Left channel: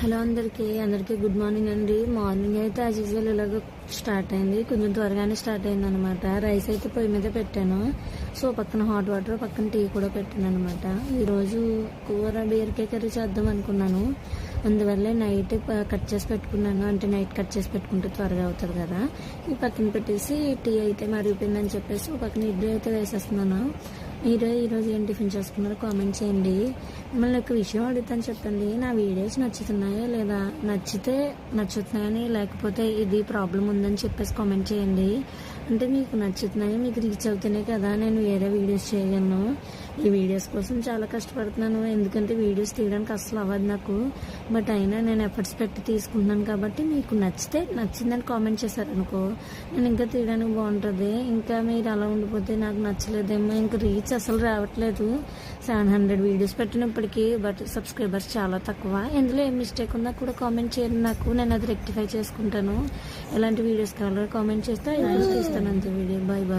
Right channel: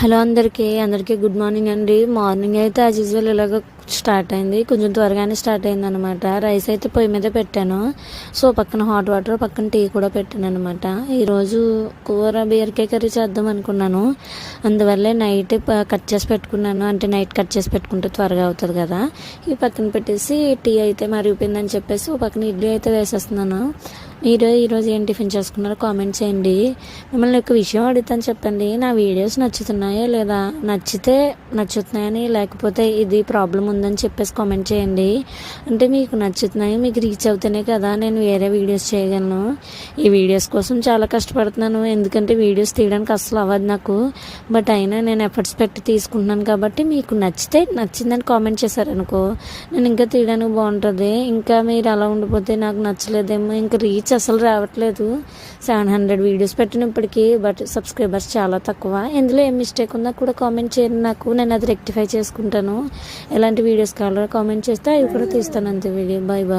Hello అందరికీ good morning అండి. Morning అయితే యాజ్ యూజువల్ ఇలాగ స్టార్ట్ అయింది. కొంచెం త్వరగానే స్టార్ట్ అయింది అనమాట. రైస్ అయితే పొయ్యి మీద పెట్టాను. సో పక్కన హాట్ వాటర్, పక్కన టీ కూడా పెట్టాను అనమాట. ఈరోజు కూర బీరకాయ కర్రీ చేద్దాం అనుకున్నాను. అందువల్లే నైట్ కట్ చేసి పెట్టుకున్నాను. అంటే నైట్ కట్ చేసి పెట్టుకుంటే త్వరగా అవుతుంది కదా. ఈ పక్కన పెట్టేసి టీ అయితే మరిగిపోయిందని చెప్పేసి పక్కన ఇడ్లీ అయితే వేసేస్తున్నాను. మీరు ఈరోజు ఏం టిఫిన్ చేసుకున్నారో కామెంట్ చేయండి. మిమ్మల్ని ఒక విషయం అడుగుతాను, చెప్పండి. నా వీడియోస్ నచ్చుతున్నాయా లేదా, నచ్చితే నచ్చుతున్నాయని, లేకపోతే ఇది ప్రాబ్లం ఉందని చెప్పేసి కామెంట్ చేయండి. అంటే మీకు నచ్చుతున్నాయి, మీకు రీచ్ అవుతేనే కదా నేను వేరే వీడియోస్ చేయగలను. ఈ వీడియోస్ కోసం చాలా కష్టపడుతున్నాను, ఎందుకంటే వీడియోస్ తీయడానికి అసలు అవ్వదు నాకు. బట్ అయినా నేను ఎఫర్ట్స్ పెట్టి తీసుకుంటున్నాను కాబట్టి మీకు నచ్చితే నచ్చిందని కామెంట్ చేశారనుకో, నేను ఇంకా తీయడానికి బాగుంటుంది. ఇంకా మీరు అలా ఉండిపోతే నాకు నచ్చలేదేమో, ఇంకా రీచ్ అసలు రావట్లేదు. 700 వీడియోస్ పెట్టినప్పటికీ బట్ సబ్స్క్రైబర్స్ చాలా తక్కువ. ఇందులో ఏం మిస్టేక్ ఉందో కూడా కామెంట్ చేయండి నాకు, నేను అది రెక్టిఫై చేసుకుంటాను. ఎలాంటి వీడియోస్ కావాలో కామెంట్ చేస్తే అవి కూడా తీస్తాను. అంతే. Video bye bye.